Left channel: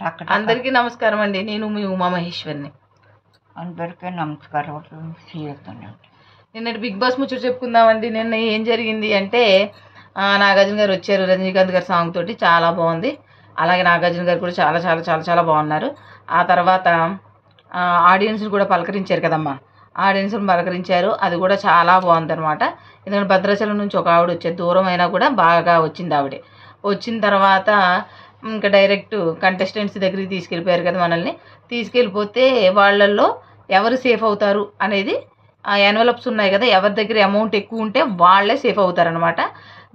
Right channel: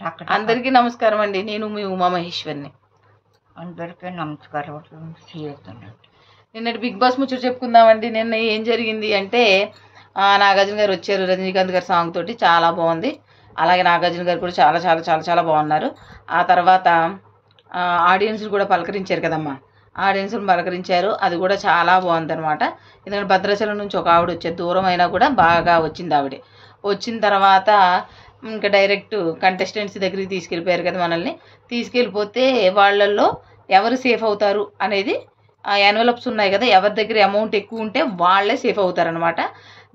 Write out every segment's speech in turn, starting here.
అందరికీ నమస్కారం అండి. నేను మీ ఉమామహేశ్వరిని. అందరికీ నమస్కారం. చేస్తున్నాను. నిన్నటి బిగ్ బాస్ ముచ్చట చెప్పుకుందామండి. నిన్న ఏం జరిగింది అంటే నాగార్జున గారు వచ్చారు రజనీకాంత్ గారి సాంగ్ తోటి, చాలా బాగుంది. అలాగే నాగార్జున గారు కూడా చాలా చాలా చాలా చాలా బాగున్నారు. ఆ తర్వాత ఆడియన్స్ కూడా పలకరించారు కదమ్మా, ఆడియన్స్ని పలకరించారు. అది కూడా చాలా బాగుంది అనమాట. ఎందుకంటే భద్రాచలం నుంచి ఒక ఆవిడ వచ్చే దూరం అయినా కూడా బాగా వచ్చింది. ఆవిడ వచ్చిన తర్వాత ఇంకా డైరెక్ట్ కంటెస్టెంట్స్ దగ్గరికి తీసుకెళ్ళిపోయారు కదా మనల్ని. తీసుకెళ్ళిపోతే వాళ్ళల్లో ఎవరు సేఫ్ అవుతారు అనేది ఆ ఎన్వలప్స్ ఉన్నాయి కదా, ఎవరి దగ్గర అమౌంట్ ఎక్కువ ఉంటే వాళ్ళే సేఫ్ అవుతారనమాట.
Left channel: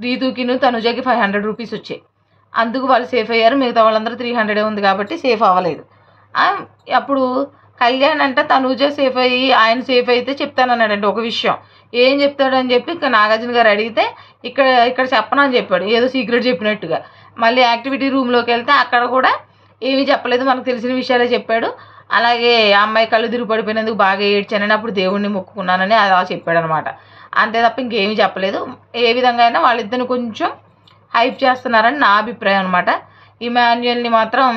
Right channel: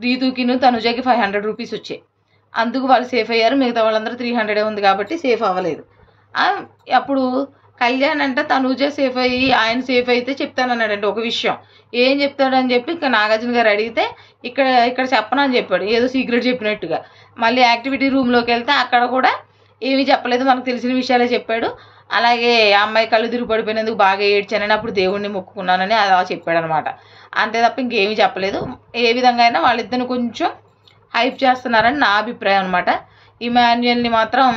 రీతుకిను తనుజకి 500 రూపీస్ వచ్చాయి, అందుకు వాళ్ళు సేఫ్ అయ్యారు. మిగతా వాళ్ళందరూ 300 ఉంది కాబట్టి సేఫ్ అవ్వలేదు. అప్పుడు కళ్యాణ్ అంటే తనుజ సేఫ్ అయ్యి ఆయన సేఫ్ అయితే చెప్తానన్నాడంటే ఒక విషయం. ఏం చెప్తాడని చెప్పి ఇంకా నాగార్జున గారు అడిగితే ఇక్కడ చెప్పను అని చెప్పాడు, ఏదో సీక్రెట్ చెప్పినట్టుగా. మళ్ళీ యాక్టివిటీ రూమ్లోకి వెళ్తే అక్కడ కూడా ఏమీ చెప్పలేదు, మనకు తెలిసిన విషయాలే చెప్పాడు. అలాగే ఆ అమ్మాయి కళ్ళు తిరిగి పడిపోయినందుకు బాగా ఏడ్చానని, అప్పుడు దేవుణ్ణి మొక్కుకున్నానని అలా చెప్పాడు అనమాట. అంతే తప్ప ఇంకేమీ చెప్పలేదు. ఏ విధంగా అయినా వాళ్ళిద్దరిని కొంచెం హైప్ చేస్తున్నారని నా అభిప్రాయం అనమాట. ఇమాన్యుయల్ని మాత్రం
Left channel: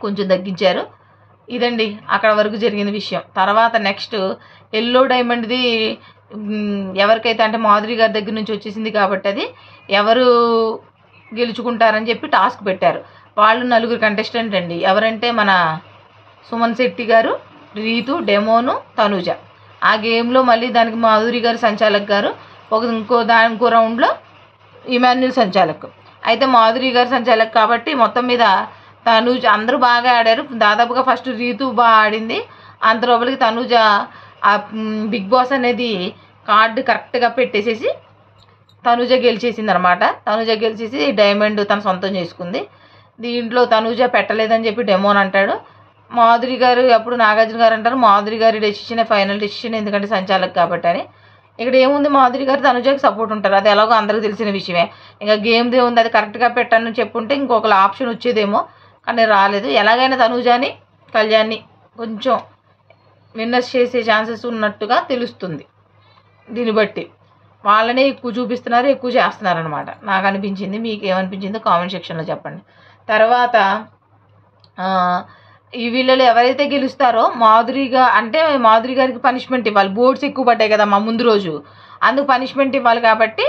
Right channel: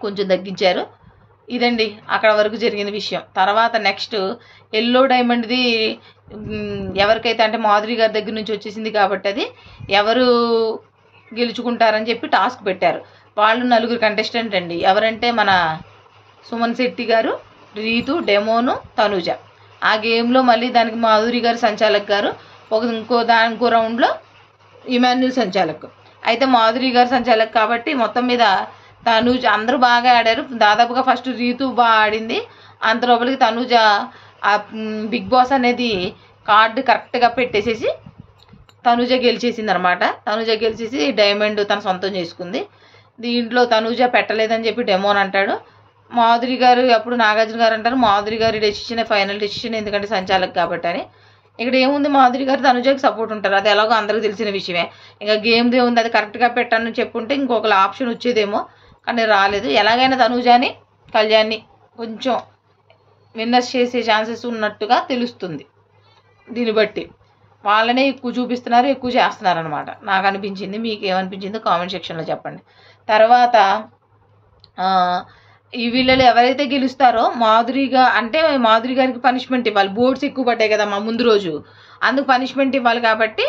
కొంచెం తగ్గించారు. ఇదండి అక్కడ వరకు జరిగిన విషయం. తర్వాత నెక్స్ట్ ఎల్లో డైమండ్ది ఎవరికైతే అంటే మాధురి గారి దగ్గర నుంచి వచ్చేసింది కాబట్టి అది ఎవరు గెలుచుకుంటారని చెప్పి టాస్క్ పెట్టారు. వాళ్ళు 4 కంటెస్టెంట్ అండి. ఎవరంటే మన సుమన్ శెట్టి గారు, రీతు, డెమోను, తనుజ. ఆ గేమ్లో మళ్ళీ దానికి మాధురి గారు సంచాలక్ గారు, ఇంకో రౌండ్లో ఇమాన్యుల్ సంచాలక్. అయితే మాధురి గారు సంచాలక్ కాబట్టి మొత్తం మీద తనుజ అందరూ బాగా ఆడారు. దాదాపుగా ఫస్ట్ రీతు బాగా ఆడింది. అంత లోపలికి తనుజ ఆ బిగ్ బాస్ అనేది కార్డు కరెక్ట్గా పెట్టేసేసి తనుజ గెలిచేసింది అనమాట. తనుజ గెలిచేసి డైమండ్ తన సొంతం చేసుకుంది. దీంట్లో తనుజ పెట్టలేదని చెప్పి డెమోన్ అంటాడు. మాధురి గారు అప్పుడు నాగార్జున గారు అంటారు మాధురి గారి డెసిషన్ ఫైనల్ డెసిషన్, ఎందుకంటే సంచాలక్ కాబట్టి అని. ఇక్కడ ఏముంది, మాధురి గారు తనుజకి సపోర్ట్ ఉంటారు, అది ఎలాగో అందరికీ తెలిసిన విషయమే. ఇంకా గేమ్దే ఉంది, అది కరెక్ట్గా పెట్టాలని చెప్పుంటే ఇంకొక ఆప్షన్ వచ్చేదేమో, కానీ రాలేదు. ఎలాగైనా తనుజాని కళ్యాణ్ని కొంచెం విన్నర్స్ చేసే ఛాన్సెస్ ఉన్నట్టుగా తెలుస్తుంది. దీన్ని బట్టి వాళ్ళనే ఎక్కువ చూపిస్తున్నారు, ఎక్కువ చేస్తున్నారు అనమాట నాకు అనిపించింది. మీకు ఏమనిపించిందో కామెంట్ సెక్షన్లో చెప్పండి. తర్వాత ఈ వీళ్ళలో ఎవరైతే గెలుస్తారో మాధురి గారికి పనిష్మెంట్ ఇవ్వాలి. బోర్డ్స్ ఎక్కువ పడ్డాయి కదా మా ముందు రోజు, అందుకు పనిష్మెంట్ ఇవ్వాలి. కాబట్టి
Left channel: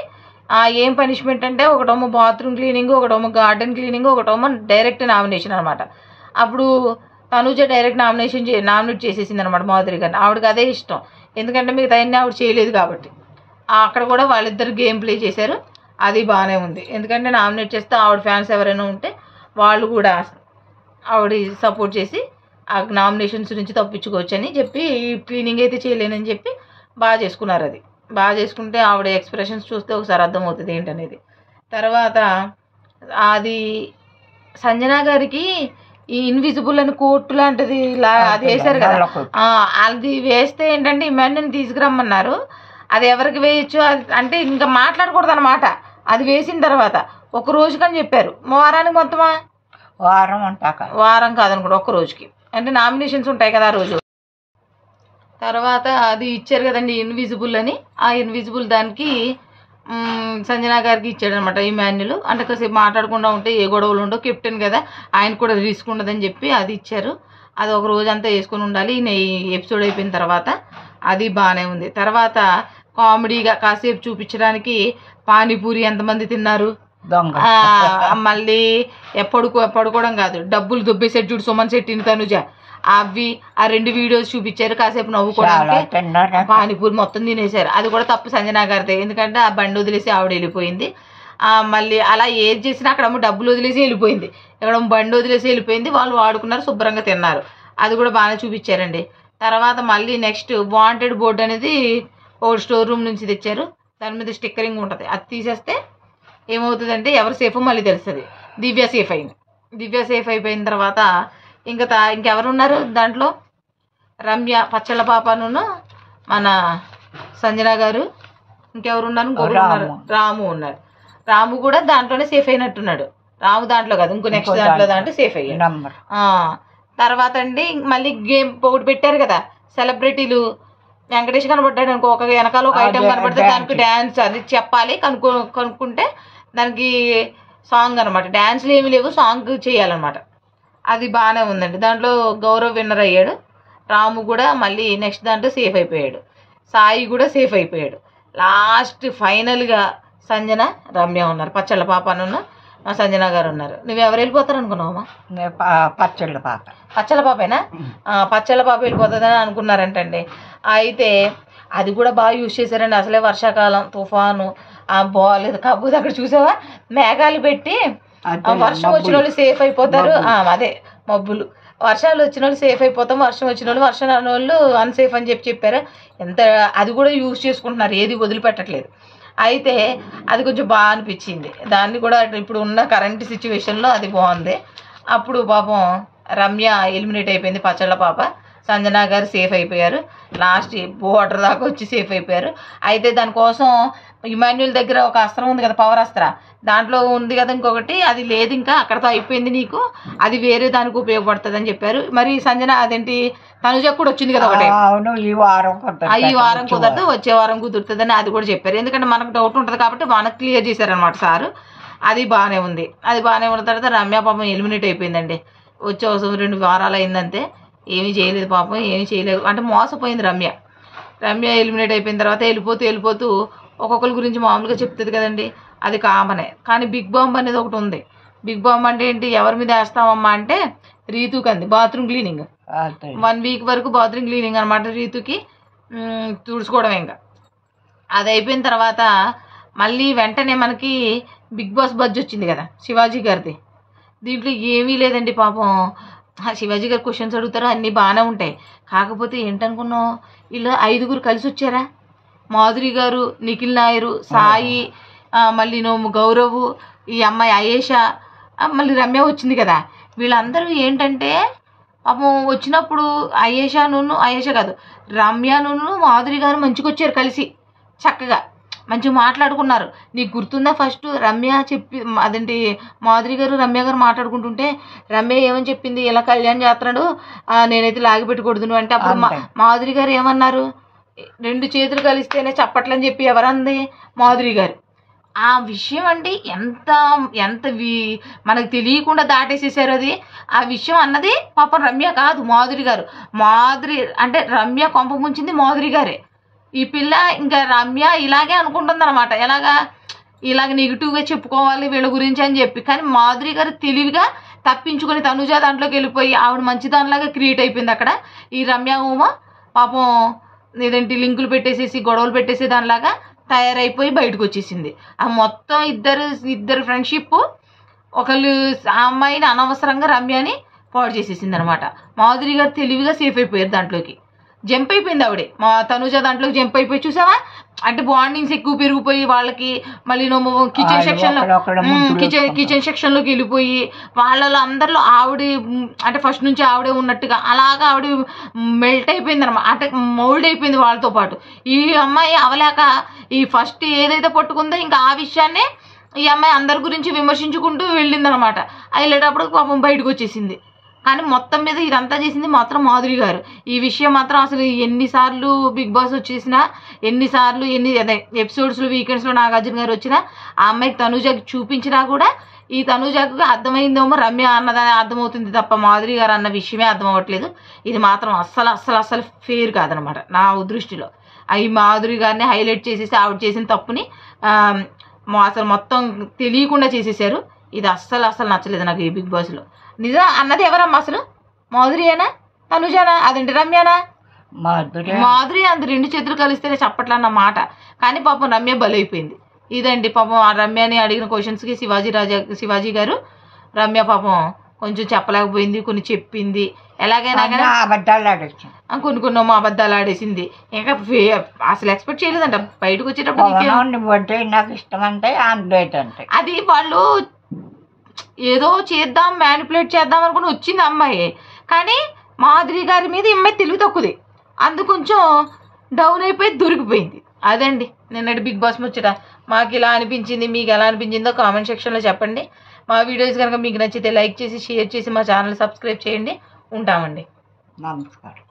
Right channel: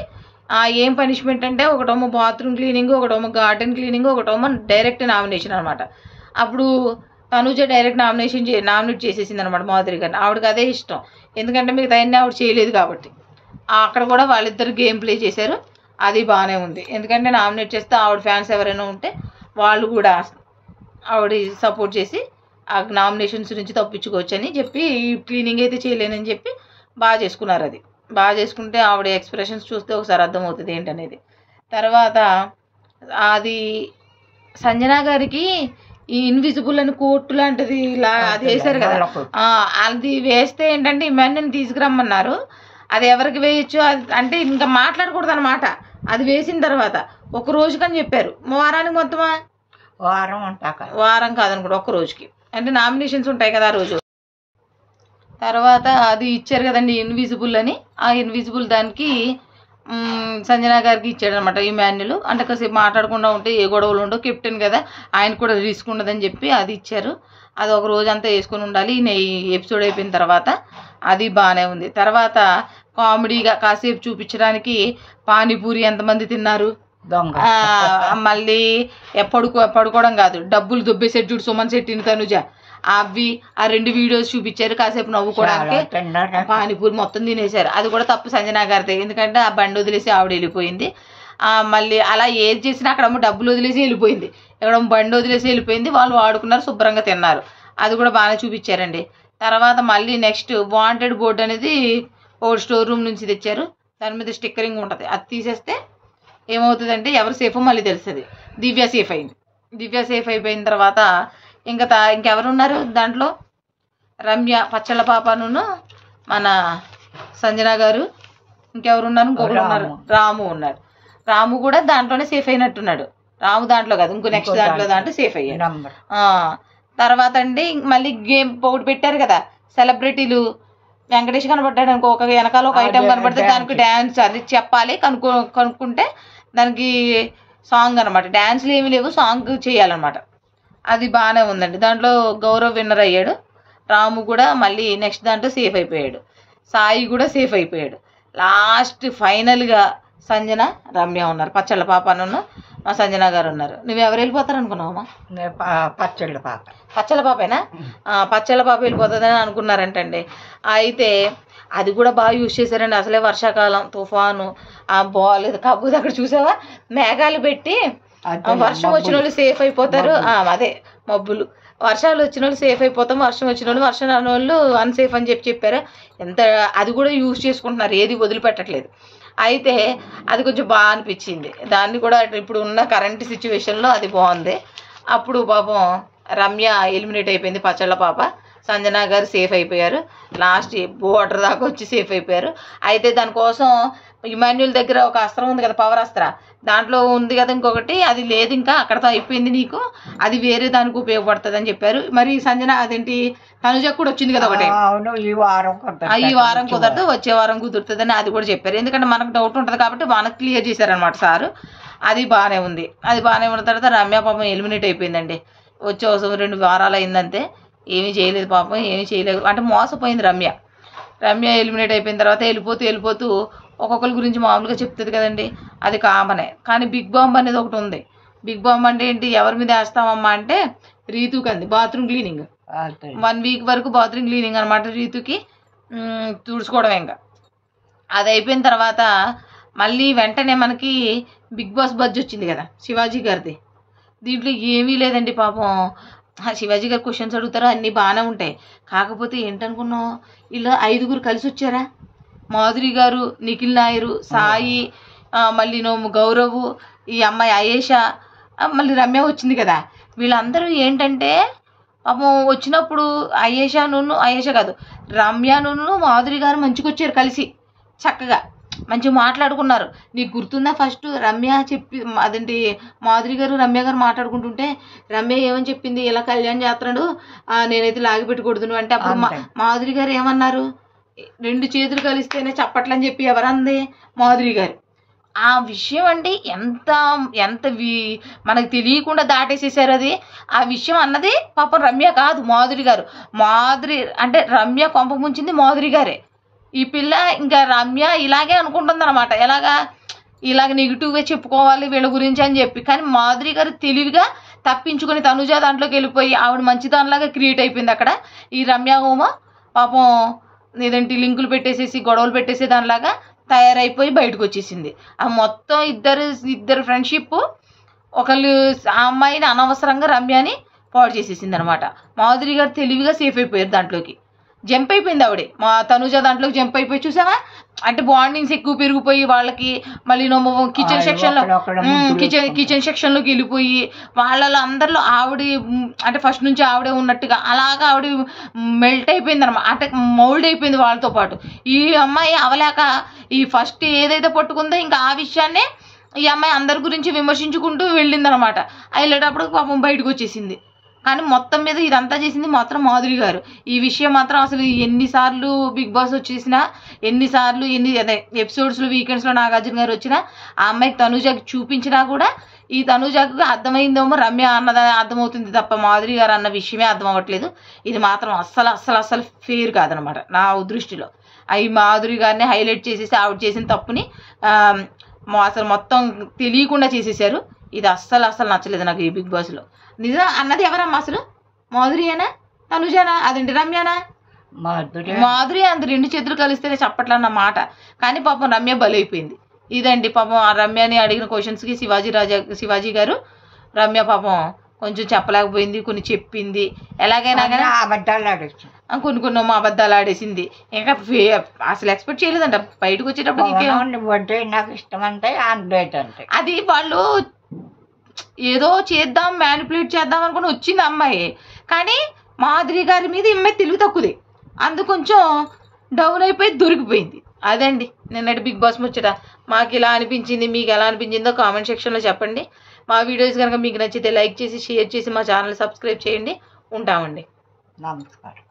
ఏం పనిష్మెంట్ అంటే ఒకటేమో బాత్రూమ్ క్లీనింగ్, ఒకటేమో గార్డెన్ క్లీనింగ్, ఒకటేమో డైరెక్ట్ నామినేషన్ అనమాట. అప్పుడు తనుజ డైరెక్ట్ నామినేట్ చేసేసింది అనమాట మాధురి గారిని. ఆవిడకి అదే ఇష్టం, ఎందుకంటే మిగతా అన్నీ ఆవిడ చేయలేదు కాబట్టి. అక్కడ కూడా వాళ్ళిద్దరు గేమ్ ప్లే చేశారు, అది బాగానే ఉంది. ఎందుకంటే నామినేట్ చేస్తే ఆవిడ ఫ్యాన్స్ ఎవరైనా ఉంటే వాళ్ళు కూడా ఆవిడ సపోర్ట్ చేసి ఆ నామినేషన్స్ నుంచి తప్పించుకోవచ్చు అని చెప్పి, క్లీనింగ్ అయితే చేయలేనని చెప్పి బాగా చేసుకున్నారు. అది బాగా చేసుకుంటే ఆవిడ ఎక్స్ప్రెషన్స్ చూస్తే ఒకసారి అర్థమవుతుంది ఏంటనేది. తర్వాత అది సంజన గారికి ఈ ఇన్విజిబుల్ అని కోర్టు లాంటిది ఇలా అది వేశారు కదా, అది వేస్తే ఏంటంటే ఇమాన్యుల్ని తీసుకురమ్మన్నారు. అది ఎవరికి వేయచ్చు అంటే ఇంకా మాట్లాడకూడదు అనమాట. అది వేసిన తర్వాత ఒక రోజుకని చెప్పారు. వారానికి మొత్తమా? వారం కాదనుకోండి, ఒక్క రోజుకి. అంటే నామినేషన్స్ ఉంటాయి కదా ఆ రోజు. తర్వాత అది ఇచ్చారు కదండి ఇన్విజిబుల్ అని, ఆ ఇన్విజిబుల్ దానికి సంజన గారికి ఇచ్చాడు అనమాట ఇమాన్యుల్. అంటే కాసేపు మాట్లాడకుండా ఉంటే ఏ గొడవలు ఉండవు, కెప్టెన్ కదా ఆయన కూడా రిస్క్ ఉండదని చెప్పి అది ఇచ్చారు. అది ఒక రోజు అంతా వేసుకొని ఉండాలి. ఈ ఎపిసోడ్ అయిపోయిన తర్వాత అది బాగానే ఉంది. తర్వాత కామెడీగా కాసేపు చూపించడానికి పానీపూరి ఎంతమంది తిన్నారు, మళ్ళీ పడుకోవడం కాదు డబ్బులు దొబ్బేసేట్టు చూడు సుమన్ శెట్టిని తనుజ, అవి ఆ 2 వీడియోస్ చూపించారు. కాసేపు నవ్వుకోవడానికి పానీపూరి మొత్తం తినేశారు. అది కూడా తప్పు సంజన గారితే, ఎందుకంటే ఆ బండి వదిలేసి ఆవిడ వెళ్ళిపోయింది. మళ్ళీ అలా ఏది చేసినా అక్కడేమో డబ్బులు వదిలేసి వెళ్ళిపోయింది, ఇక్కడ బండి వదిలేసి వెళ్ళిపోయింది. వాళ్ళు వాడుకున్నారు, శుభ్రంగా తిన్నారు. అది కూడా బాగా చూపించారండి. తర్వాత మళ్ళీ నెక్స్ట్ వాంటెడ్ బోర్డు అనేది ఓల్డ్ స్టోర్ రూమ్ నుంచి తెచ్చారు. దాని మీద స్టిక్కరింగ్ ఉంటుంది, అది తీసేస్తే ఏమవుతుందంటే ఎవరు సేఫ్ మళ్ళీ తెలుస్తుంది. దివ్య సేఫ్ అయింది. దివ్య సేఫ్ అయిపోయిన తర్వాత ఇంకెవరున్నారు దాంట్లో, రమ్య, పచ్చళ్ళ పాపను, మన సంజన గారు, ఇంకెవరున్నారు, ఇంకొకరు రాము ఉన్నారు. రాము కూడా దాంట్లోనే సేఫ్ అయినట్టున్నాడు. రాము దాంట్లో కాదు, ఇంకో నెక్స్ట్ దాంట్లో సేఫ్ అయ్యాడు. తర్వాత అండి మళ్ళీ గేమ్ ఒకటి పెట్టారు కదా, సెలబ్రిటీలు. వెంకటేష్ కనబడ్డాడు అనుకో, ఒక వెనకాల ఒక ఐటెం కనబడితే దానికి డ్యాన్స్ అది చెప్పాలి, కనుక్కుంటే దానికి సాంగ్ అనమాట. డ్యాన్స్లు ఏమి లేవు, సాంగ్ చేయాలన్నమాట. అది బాగానే ఉందండి. దాంట్లో గౌరవ్ విన్నర్ అయ్యాడు. రాము కూడా మళ్ళీ నెక్స్ట్ దాంట్లో సేఫ్ అయిపోయాడు. సాయి కూడా సేఫ్ అయిపోయాడు. లాస్ట్ ఫైనల్గా సంజన, రమ్య ఉన్నారు. పచ్చళ్ళ పాపను మా సంజన గారు ఉన్నారు. నువ్వు ఎవరు వెళ్ళిపోతారు అనుకున్నావమ్మా? పచ్చళ్ళ పాప. పచ్చళ్ళ పాపేనా? పచ్చళ్ళ పాప వెళ్ళిపోతుందని అనుకున్నారంటండి. అయితే అది కూడా బాగా యూజ్ చేశారండి. అసలే వర్షాకాలం, తుఫాను, బాగాలేదు. కాకపోతే అక్కడ చూసావా మేఘాలు పెట్టి వర్షం వచ్చిన వాళ్ళు సేఫ్ అయిపోతారు. అదే మబ్బులు, వర్షాలు వచ్చిన వాళ్ళు సేఫ్ అయిపోతాం, వర్షం వచ్చిన వాళ్ళు, వర్షం రాని వాళ్ళు అన్సేఫ్ అని చెప్పారు. ఎంత అది కూడా యూజ్ చేసుకుంటున్నారు, ఏది వదిలిపెట్టట్లేదు. అయితే అది కొంచెం బాగా అనిపించింది. దాన్ని కూడా ఇప్పుడు ఉన్న కరెంట్ సిచ్యువేషన్లో అది బాగుంది. అప్పుడు పాపం రమ్య ఎలిమినేట్ అయిపోయింది, పచ్చళ్ళ పాప. సంజన గారు సేఫ్ అయిపోయారు. లాస్ట్ బోర్డర్ దాకా వచ్చి సేఫ్ అయిపోయారు. అయితే దానికోసం ఇమాన్యుల్ దగ్గర ఒక అస్త్రం ఉంది కదా, పవర్ అస్త్ర, దాంట్లో ఉంది కదా ఇంకొకటి, అది లేదు ఇంకా, అక్కడతో అయిపోయింది నీకు, అది వేరే దానికి ఉపయోగపడుతుంది అని చెప్పారు. మరి సంజన అదేంటి తనుజకు కూడా వచ్చింది కదా ఒకటి, ఈ వారం కుదరదు, వచ్చే వారం కుదురుతుందని అది కూడా చెప్పారు. ఎందుకంటే మనకు డౌట్ ఉంటుంది కాబట్టి మనకు క్లియర్ చేశారనమాట సారు. అది బాగానే ఉంది. అది బాగానే ఉన్న తర్వాత రమ్య పాపం ఎలిమినేట్ అయిపోయిందండి. వచ్చే 2 వారాలు అయిందంతే, ఏమీ చేయలేదు పాపం, ఏమీ చేయలేదు అంటే మోసపోయింది రమ్య. ఎలిమినేట్ అయిపోయిన తర్వాత వెళ్ళిపోతూ ఒక్కొక్కరి గురించి మామూలుగా చెప్తుంది కదండి, అది కామనే. కానీ బిగ్ బాంబ్ అనేది ఒకటి ఉంది. బిగ్ బాంబ్ అంటే ఏంటి, ఎవరి మీద వేస్తామమ్మా అంటే రీతుకి అంది, బాత్రూమ్ క్లీనింగ్. 1 వీక్ వరకు బాత్రూమ్ క్లీనింగ్ అనమాట రీతుకి, తుడుచుకోవడం. ఇంకా అది అయిపోయిన తర్వాత మళ్ళీ వెంటనే మనకి బిగ్ బాస్ బజ్ వచ్చింది కదా శివాజీ గారిది. దీంట్లో ఏమీ లేదండి పాపం. శివాజీ గారు క్వశ్చన్స్ అడుగుతారు, అన్నీ బాగానే ఉంటాయి. కాకపోతే ఏంటనుకున్నావు, ఇలా 5 కలిసి వచ్చారా, మాధురి గారు, నిఖిల్ నాయరు, సాయి, మళ్ళీ గౌరవ్, ఈ అమ్మాయి అయేషా, మళ్ళీ రమ్య వచ్చింది కదా. వీళ్ళందరూ ఏంటంటే పాపం వచ్చినప్పుడు అయేషా కాదు, రమ్యను మాధురి గారు మంచిగా వచ్చారు కలిసి, చక్కగా మంచిగా మాట్లాడుకున్నారు. నీకు గుర్తుందా, ఫస్ట్ రమ్య చెప్పి అదేంటి మాధురి గారు రమ్య గారు మాట్లాడుకుంటుంటే రమ్య ఏమని చెప్పింది, ఇలా కళ్యాణ్ చేస్తున్నాడు, నేనైతే లాగి పెట్టకూడదు అంటే, అప్పుడు మాధురి గారు ఏమన్నారు, 2 చేతులు కలిస్తేనే చప్పట్లని చెప్పి ఎవరంది, మాధురి గారు. ఆ విషయం అంటే ఎంత మనకు తెలియకుండా దాటేసేసారు అది. ఆ విషయం అన్నది పాపం రమ్య కాదు, మాధురి గారు. మాధురి అంటే రమ్య కొంప ముంచింది మాధురి గారే. ఈ పిల్ల ఇంకా రమ్య ఇలాగే అనుకుంటుంది అనమాట, ఇలాగ నెగిటివ్గా చెప్పుకోవాలి వీళ్ళ గురించి అని చెప్పి. కానీ మాధురి గారు తెలివిగా తప్పించుకొని తనుజ దాంట్లోకి వెళ్ళిపోయి ఆవిడ మంచి దానిలాగా క్రియేట్ అయిపోయింది అక్కడ. ఈ రమ్య ఉమ పాపం ఏదేంటి లింకులు పెట్టేసేసి గొడవలు పెట్టేసే దానిలాగా తయారైపోయి బయటకు వచ్చేసింది. ఆ మొత్తం ఇద్దరు ఫ్రెండ్షిప్, ఒకళ్ళు ఆ అమ్మాయిని అనవసరంగా రమ్యని పాడు చేసేసింది అనమాట. మాధురి గారు తెలివిగా సేఫ్ అయిపోయారు, దాంట్లోకి జంప్ అయిపోయింది ఆవిడే. మా తనుజ దాంట్లోకి జంప్ అయిపోయి చూసావా, అంటే బాండింగ్స్ ఎక్కువ పెరిగిపోయి వాళ్ళకి. మళ్ళీ కిచెన్ సెక్షన్లోకి వెళ్ళిపోయి వాళ్ళలో అందరిలో ఆవిడ అంటే ఫస్ట్ నుంచి ఆవిడే ఉన్నట్టుగా అలాగా ఆవిడ మెల్ట్ అయిపోయింది అనమాట, అంటే మౌల్డ్ అయిపోయింది వాళ్ళతో పాటు. ఈ అమ్మాయి అవలేక ఈ ఫస్ట్ ఏదైతే పట్టుకుందో ఇంకా ఆ విషయాన్నే ఈ అమ్మాయి అందరి గురించి విమర్శించుకుంటూ వెళ్ళిందనమాట. వెళ్ళేటప్పుడు పాపం బయటకు వచ్చేసింది. కానీ మొత్తం మీద ఇదంతా చేసింది మాత్రం మాధురి గారు. ఈ విషయం మాత్రం అసలు ఎన్నిసార్లు బిగ్ బాస్ వచ్చేసినా, ఎన్ని ఎపిసోడ్స్లో వీకెండ్స్లో నాగార్జున గారు వచ్చినా ఆ అమ్మాయికి తనుజకి చూపించినా కూడా ఈ తనుజకు అర్థమైందేమో రమ్య అన్నది అర్థమవుతుంది తప్ప మాధురి గారు అన్న విషయమే అర్థం అవ్వట్లేదు. ఇది మాత్రం అస్సలు ఫెయిర్ కాదనమాట నా దృష్టిలో. ఈ మాధురి గారిని హైలైట్ చేసేసి ఆవిడ చేసిన తప్పుని అసలు మొత్తం తెలియకుండా చేసేసారు. ఇది అస్సలు నచ్చలేదు నాకు ఈ బిగ్ బాస్లో. నిజం అన్నది ఎవరమ్మా అసలు, మాధురియేనా తనుజానా అదేంటి రమ్యనా? మాధురి అంత 2 చేతులు కలిస్తేనే చప్పట్లన్న మాట. కానీ పాపం రమ్య బలైపోయింది. ఇదండి పాపం ఆ రమ్యని అడిగిన క్వశ్చన్స్కి శివాజీ గారు రమ్య పాపం కొంచెం చెప్పలేకపోయింది, కొన్ని చెప్పింది, ఎలాగైనా కానీ అబద్ధాలు ఆడేసింది, కొన్ని అబద్ధాలు ఆడేసింది. ఇంకా అసలు ఎక్స్పెక్ట్ చేయలేదంట బయటకు వచ్చేటప్పుడు. నాకు ఇష్టం అంటే ఆమ్లెట్ అంటే అది వాళ్ళు ఏదో చేద్దాం మ్యానిపులేట్ చేద్దాం అనుకుని వచ్చింది అమ్మాయి. కానీ మాధురి గారి మీద ఇమ్మాయి తెలివి తక్కువది, అందు కొంచెం డౌన్ అయిపోయి దొరికిపోయింది. అదండి నిన్నటి బిగ్ బాస్ ముచ్చట. మాకు ఇలా అనిపించింది, మీకు ఎలా అనిపించిందో కామెంట్ సెక్షన్లో చెప్పండి. మా వీడియోస్ కనుక మీకు నచ్చితే లైక్ చేసి షేర్ చేసి మా ఛానల్ సబ్స్క్రైబ్ చేయండి. ఉంటామండి. నమస్కారం.